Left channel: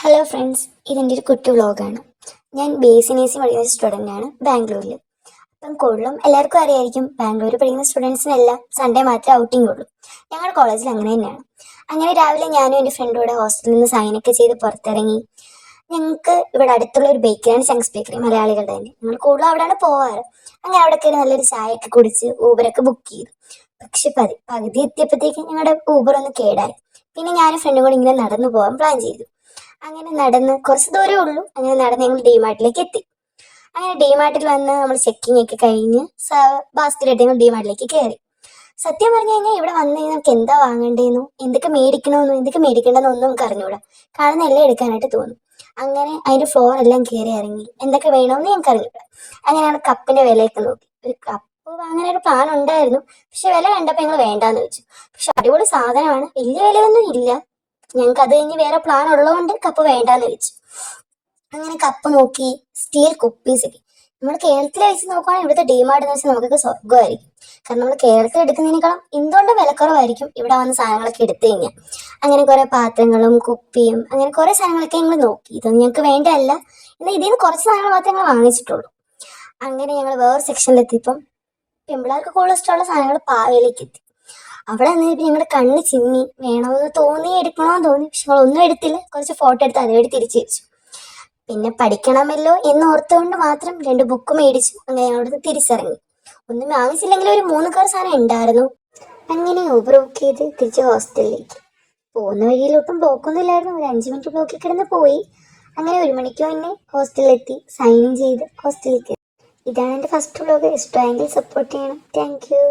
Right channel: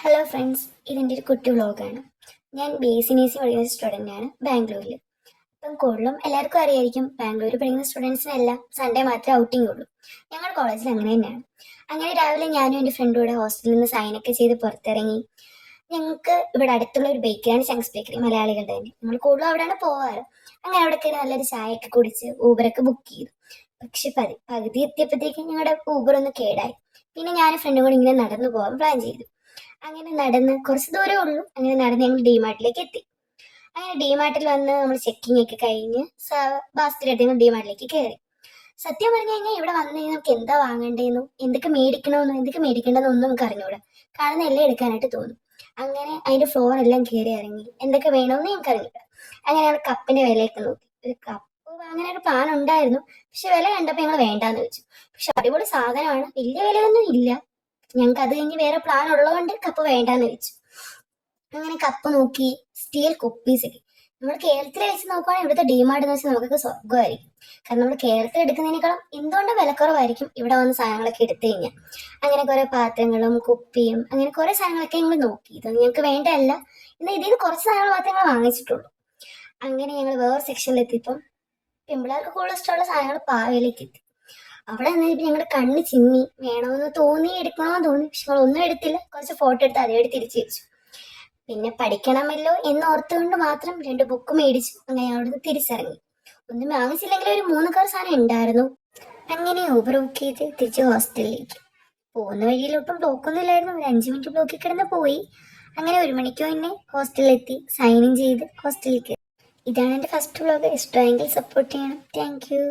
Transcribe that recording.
Hello friends, ഇതെൻ്റെ ഒരു കുട്ടി വ്ളോഗാണ്. ഞാൻ BSc പഠിക്കുന്ന സ്റ്റുഡൻ്റാണ് ബാംഗ്ലൂരിൽ. അപ്പം കൊള്ളും, എല്ലാവർക്കും അറിയായിരിക്കും ബാംഗ്ലൂർ പഠിക്കുന്ന സ്റ്റുഡൻസിനെല്ലാം സൺഡേ മാത്രമേ ഔട്ടിംഗ് ഉള്ളൂ. ഞങ്ങളുടെ കോളേജിൽ അങ്ങനെ തന്നെയാണ്. അങ്ങനെ രാവിലെ ഞാനും എൻ്റെ ഫ്രണ്ടും കൂടെ ഹോസ്റ്റലിൽ നിന്ന് സൈനൊക്കെ ചെയ്ത് പുറത്തിറങ്ങി. ഞങ്ങൾക്ക് ഇവിടെ അടുത്തുള്ള ഒരു ബേക്കറിയാണ് ചങ്ക്സ് ബേക്കറി, മലയാളികളുടെ തന്നെ. ഞങ്ങൾ കൂടുതലും അവിടെയാണ് പോവാറ്. അങ്ങനെ അവിടെ കയറി നല്ലൊരു ചായയൊക്കെ കുടിച്ച് ഊബറൊക്കെ ബുക്ക് ചെയ്തു. പക്ഷെ പകുതി എത്തിയപ്പോഴത്തേക്ക് ഞങ്ങളുടെ ഊബർ ഒന്ന് കേടായി. പിന്നെ ഞാനും ഫ്രണ്ടും കൂടി ഇങ്ങനെ നടന്നു പോകാൻ പ്ലാൻ ചെയ്തു. അങ്ങനെ നടന്ന് കുറച്ച് ദൂരമേ ഉള്ളൂ. അങ്ങനെ നടന്ന് ഞങ്ങൾ ഡിമാർട്ടിലേക്ക് എത്തി. അങ്ങനെ ഡിമാർട്ടിൽ വന്ന് നമ്മൾ ചെക്കിംഗ് ഒക്കെ കഴിഞ്ഞ് ബാസ്ക്കറ്റ് എടുത്ത് ഞങ്ങൾ ഡിമാർട്ടിലേക്ക് കയറി. സത്യം പറഞ്ഞു കഴിഞ്ഞാൽ ഇവിടെ വന്നു കഴിഞ്ഞാൽ നമുക്ക് എന്താ വാങ്ങേണ്ടതെന്നും എന്തൊക്കെ മേടിക്കണമെന്നും എന്തൊക്കെ മേടിക്കേണ്ടതെന്നും ഒന്നും നമുക്ക് അറിഞ്ഞൂടാ. കാണുന്ന എല്ലാം എടുക്കാനായിട്ട് തോന്നും. അങ്ങനെ അതിൻ്റെ ഫ്ലോർ എല്ലാം കയറി ഇറങ്ങി എന്തൊക്കെ വേണമെന്ന് ഞങ്ങൾക്ക് അറിഞ്ഞൂടാ. അങ്ങനെയാണ് കപ്പിൻ്റെ വിലയൊക്കെ നോക്കി. ഒരു കപ്പ് വാങ്ങാനൊരു പ്ലാൻ ഉണ്ടായിരുന്നു. പക്ഷെ വില കണ്ടപ്പോൾ ഞങ്ങൾ വേണ്ടാന്ന് വെച്ചു. പക്ഷെ അടിപൊളി സാധനമാണ്, വലിയ വിലയൊന്നും ഇല്ല. ഞങ്ങൾക്ക് അത് കഴിഞ്ഞ് വേറെ പ്ലാൻ ഉള്ളതുകൊണ്ട് കപ്പ് വേണ്ടാന്ന് വെച്ചു. അങ്ങനെ കപ്പ് നോക്കി, സ്റ്റീൽ കുപ്പീസൊക്കെ. നമ്മൾ കേരളത്തിൽ വെച്ച് നോക്കുവാണെങ്കിൽ ഇവിടുത്തെ ഡിമാർട്ട് എന്ന് വെച്ചാൽ നമുക്കൊക്കെ സ്വർഗമായിരിക്കും. കാരണം നമ്മൾ കേരളത്തിൽ എടുക്കുന്നതിനേക്കാളും എന്തുകൊണ്ടും വിലക്കുറവായിരിക്കും ഇവിടെ വന്ന സാധനങ്ങളൊക്കെ എടുത്തു കഴിഞ്ഞാൽ. അങ്ങനെ കുറെ പാത്രങ്ങളും കുപ്പിയും അങ്ങനെ കുറെ സാധനങ്ങളൊക്കെ ഞങ്ങൾ നോക്കി. ഇതൊന്നും ഞങ്ങൾക്ക് വേണ്ടതല്ല, എന്നാൽ ഇതിൽ നിന്ന് കുറച്ച് സാധനങ്ങൾ മാത്രമേ ഞങ്ങൾ വാങ്ങിച്ചിട്ടുള്ളൂ. അങ്ങനെ ഞങ്ങൾ വേറെ സെക്ഷനിലെത്തിയപ്പം പെമ്പിളാർക്ക് കൂടുതൽ ഇഷ്ടമുള്ള സാധനങ്ങൾ പാവയിലേക്ക് എത്തി. അവിടെ നിന്നിട്ട് ഞങ്ങളുടെ കണ്ണ് ചിമ്മി. വേണമെന്ന് തോന്നി, എടുക്കണമെന്ന് തോന്നി. പക്ഷെ ഞങ്ങളൊന്നും എടുത്തില്ല. കുറച്ച് ഫോട്ടോ എടുത്ത് അതേപടി തിരിച്ചു വെച്ചു. പിന്നെ പഠിക്കണമല്ലോ എന്ന് ഓർത്തുകൊണ്ട് മാത്രം 2 ബുക്ക് മേടിച്ചു. അങ്ങനെ ഞങ്ങളവിടുന്ന് തിരിച്ചിറങ്ങി. ഒന്നും വാങ്ങിച്ചില്ലെങ്കിൽ ഒരു 3 കാർ സാധനം ഉണ്ടായിരുന്നു. അങ്ങനെ ഊബർ ബുക്ക് ചെയ്ത് തിരിച്ച് ഹോസ്റ്റലിലേക്ക്. പോകുന്ന വഴിയിലൊട്ടും ബ്ലോക്കൊന്നും ഇല്ലായിരുന്നു. ഒരു 5 മിനിറ്റ് ബ്ലോക്കിൽ കിടന്ന് പോയി. അങ്ങനെ 1 മണിക്ക് തന്നെ ഹോസ്റ്റലിലെത്തി. സൈൻ ഇൻ ചെയ്ത് ഹോസ്റ്റലിലേക്ക്. ഇതാണ് എൻ്റെ ഫസ്റ്റ് വ്ലോഗ്. ഇഷ്ടമായെങ്കിൽ സപ്പോർട്ട് ചെയ്യണം. Thank you.